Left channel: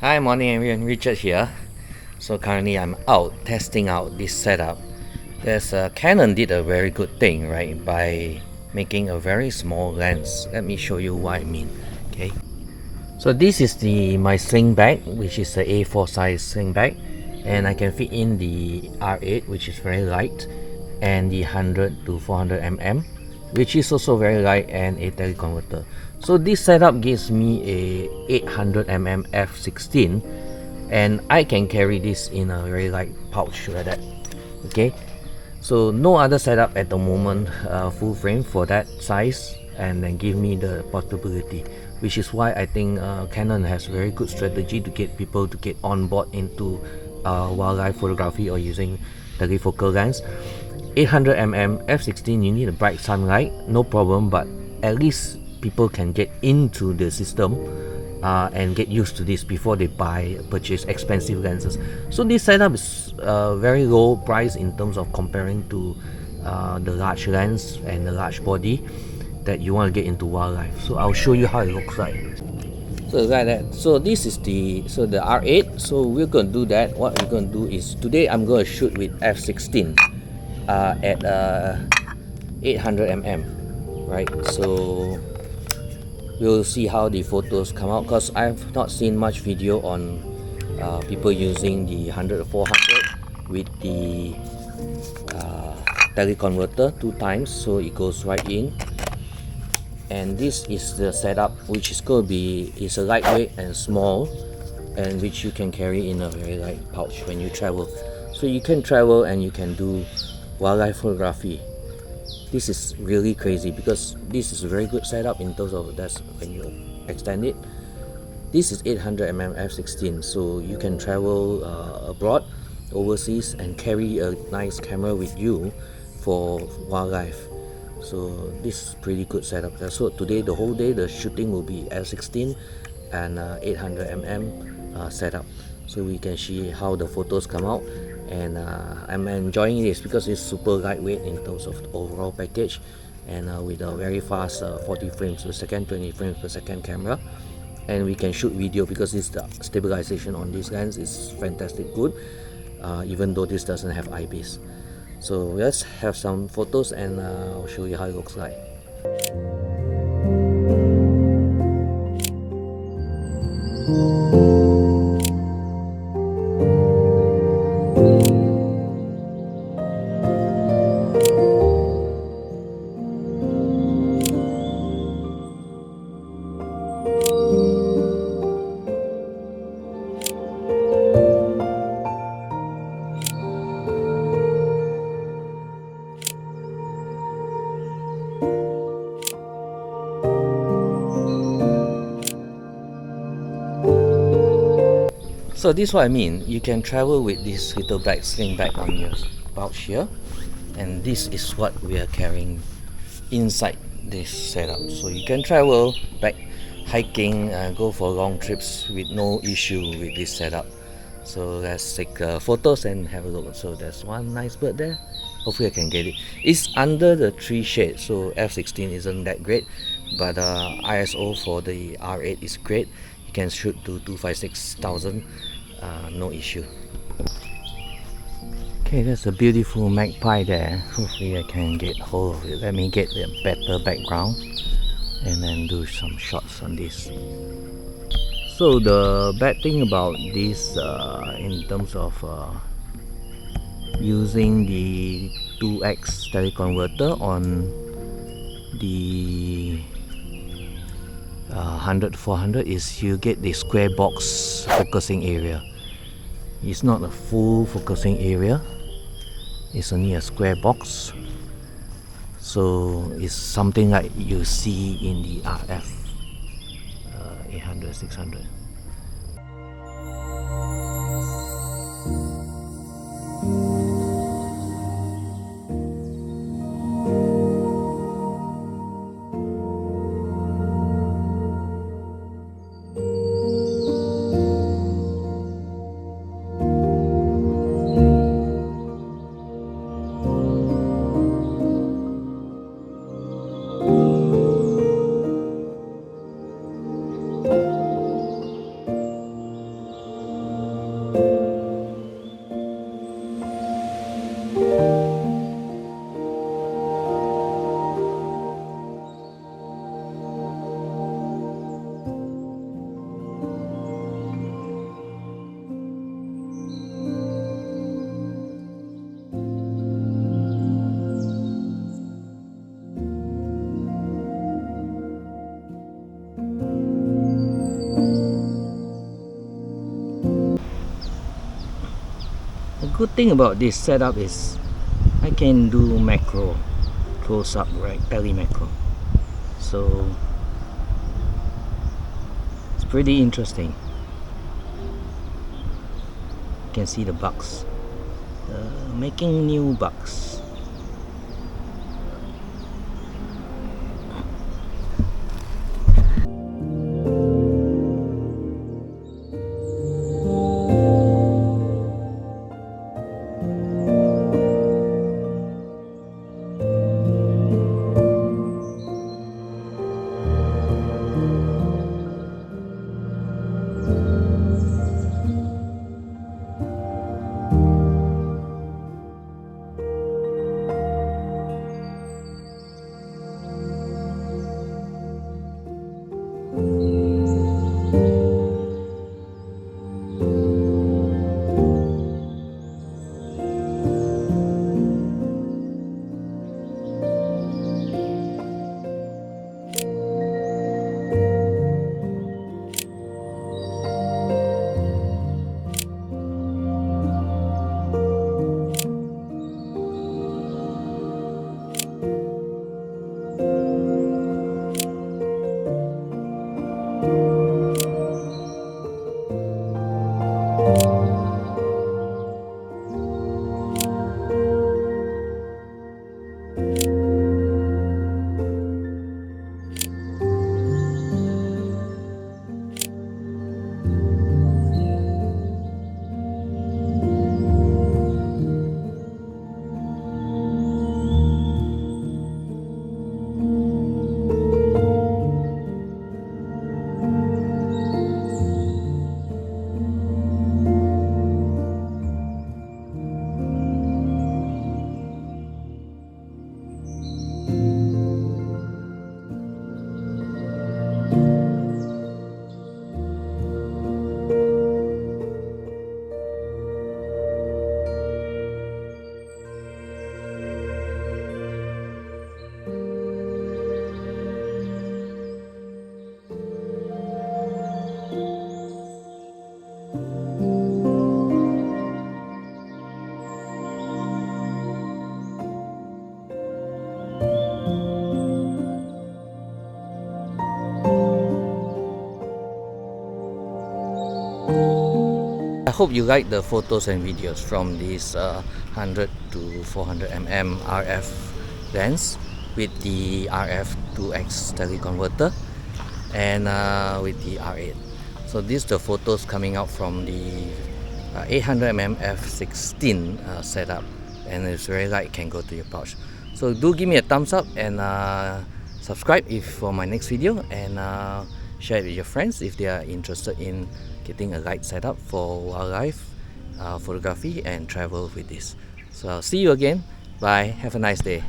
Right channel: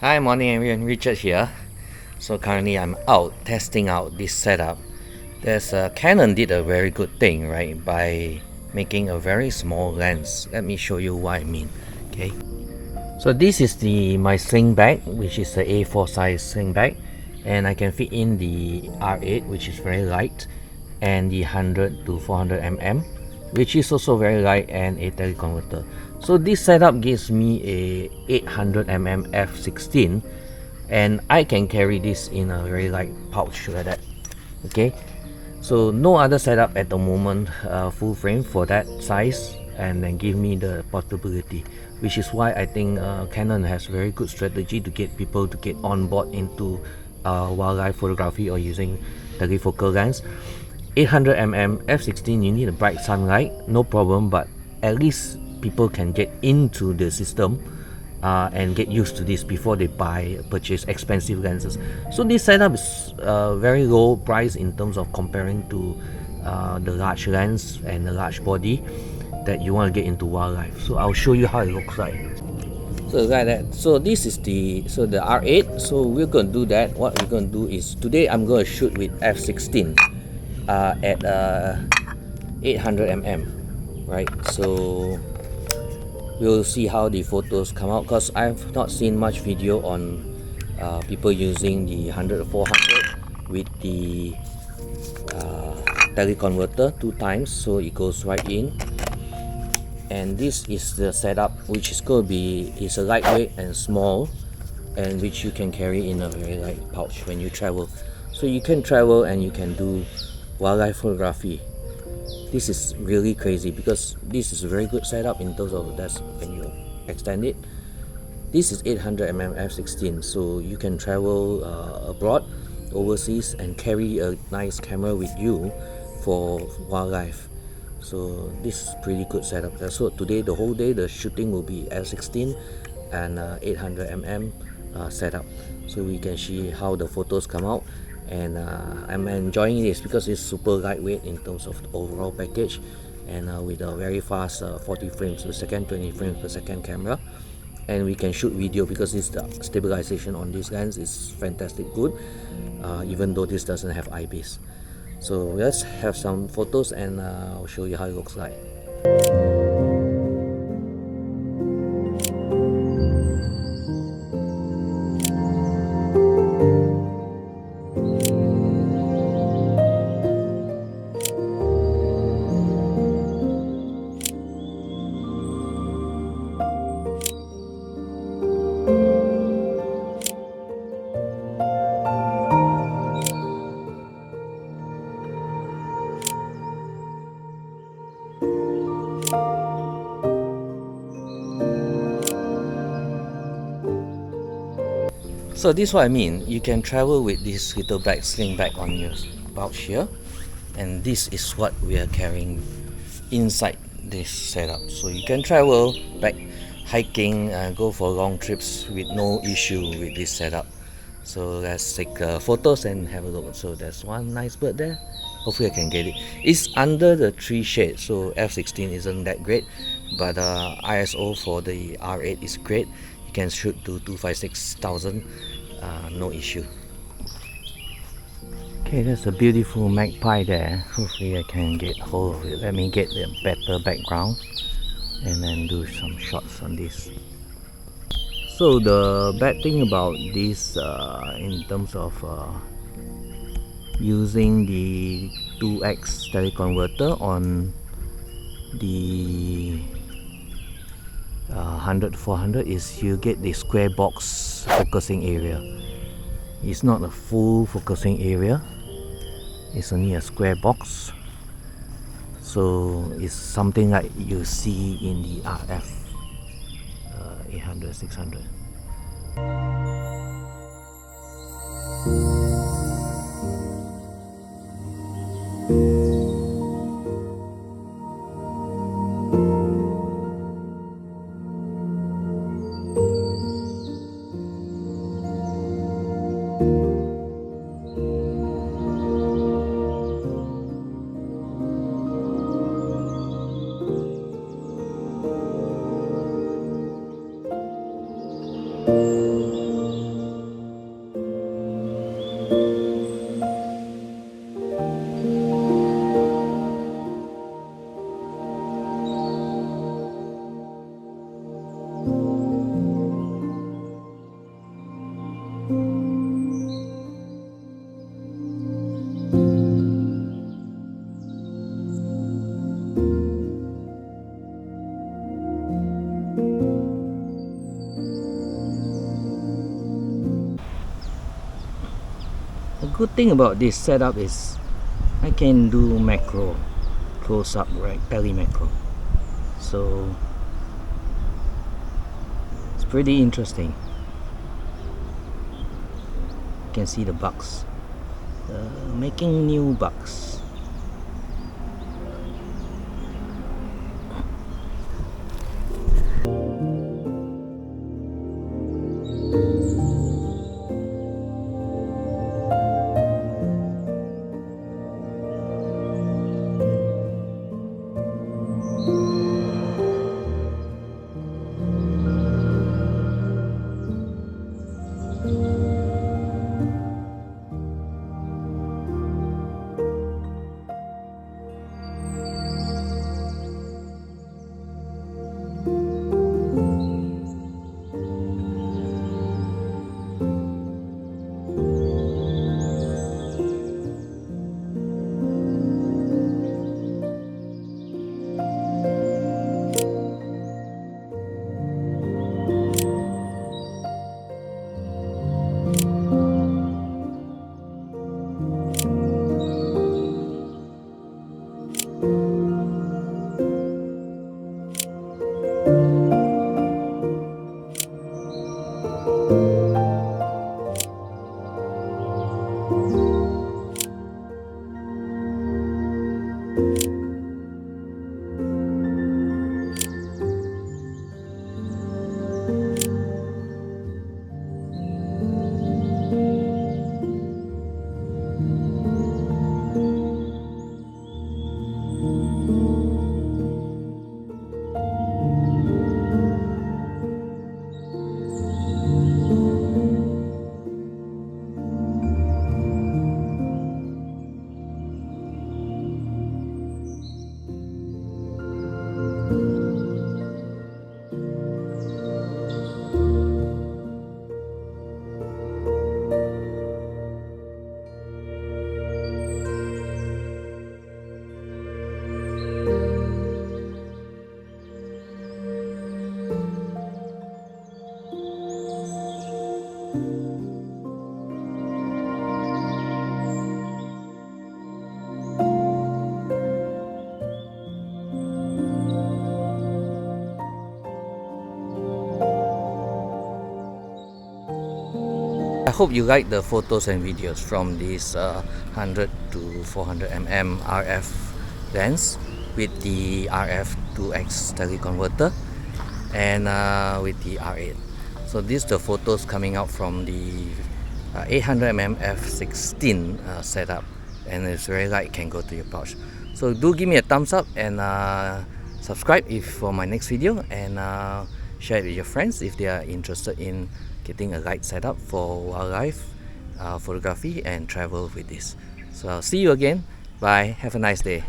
Hi, morning everyone, Richard here. So currently I'm out testing out this setup. Canon did a very good thing, right, by making a very small lens. Let me show you what I mean. Okay. So this is my sling bag, which is the A4 size sling bag, and I can fit in the R8, which is very light, and the 100 to 400 mm, which is also very light, and a teleconverter. So this setup gives me a 800 mm f16, and I can carry this in a very light pouch like that. Okay, so no other setup at the moment full frame for that size, and then give me the portability, which is why I think Canon has very good strategy to get people to get on board into wildlife photography or using telefocal lens. 800 mm f16, you need a bright sunlight, no problem, but at least people can get into the system and get used to this before they purchase expensive lenses. So this setup is very low price in terms of comparing to the large lens and the large body that you want to get into wildlife. So I'll show you how it looks like. So like that. So this is the R8. So we're going to do that. What we're going to do is today I'm going to shoot with f16 at 800 mm, right? So we'll see how the photos come out, because I've not seen much video on people using the 100 400 with the teleconverter 2 times, so it goes right in. And this is the setup, which is going to be a lightweight and small, and which you can carry in a very light pouch when you travel. So you can travel and you can do wildlife photography. This is really crazy because this is a very good setup in terms of that's when you extend it. This is 800 mm f16, so you can travel abroad, overseas, and carry a nice camera with you for wildlife. So this is pretty good setup. So today, the whole day, the shooting will be f16 and 800 mm setup, so we can see how the photos come out. And I'm enjoying this because it's super lightweight in terms of the overall package, and with a very fast 40 frames per second, 20 frames per second camera. And we can shoot video because the stabilization on this lens is fantastic good, even though this doesn't have IBIS. So let's have some photos, and I'll show you how it looks like. So this is what I mean. You can travel with this little bag, sling bag on your pouch here, and this is what we are carrying inside this setup. So you can travel back hiking and go for long trips with no issue with this setup. So let's take photos and have a look. So there's one nice bird there. Hopefully I can get it. It's under the tree shade, so f16 isn't that great, but ISO for the R8 is great. You can shoot to 256,000, no issue. Okay, that's a beautiful magpie there. Hopefully I can get hold of it. Let me get a better background and then do some shots on this. So the bad thing about this in terms of using the 2x teleconverter on the 100 400 is you get the square box focusing area. It's not a full focusing area, it's only a square box. So it's something like you see in the RF 800 600. good thing about this setup is I can do macro close up, right? Tele-macro. So it's pretty interesting. You can see the bugs. Making new bugs. I hope you like the photos and videos from this 100 to 400 mm RF lens with the RF 2X teleconverter and with the R8. So these are the photos coming out from the 800 mm f16 setup, and it's very light, can go to your pouch. So do give me a thumbs up and subscribe if for my next video, and share it with your friends if they are interested in getting a light setup for wildlife photography and travel with this. So I'll see you again. Bye. Have a nice day.